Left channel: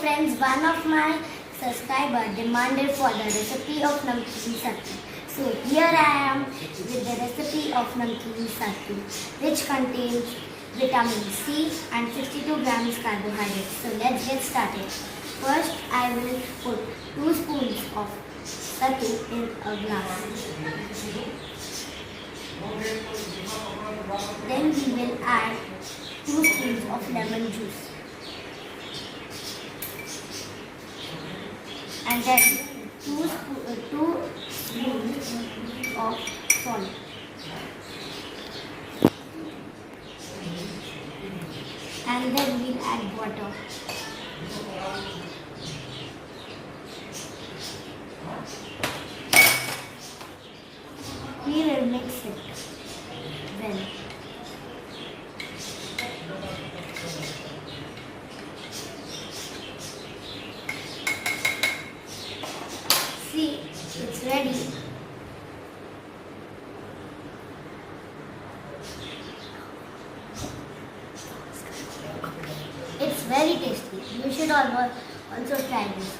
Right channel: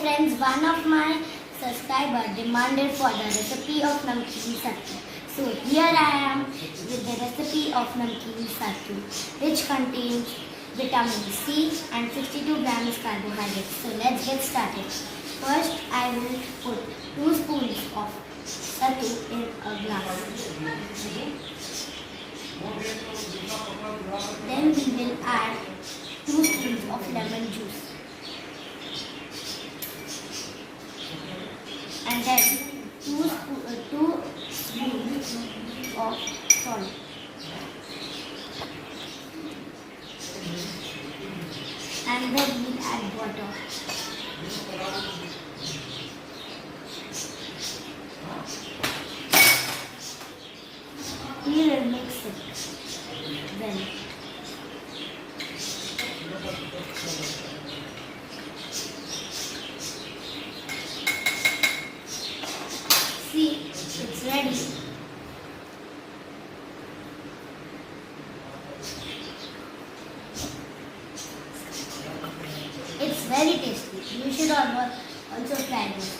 Friends, one of my subscribers demanded for the recipe of namkeen sattu. So here I am with the recipe of namkeen sattu, which contains vitamin C and 62 grams carbohydrates. So let's get started. First, I will put 2 spoons of sattu in a glass. Then we will add 2 spoons of lemon juice. And then 2 spoons of salt. And then we'll add water. We will mix it well. See, it's ready. It's very tasty. You should also try this.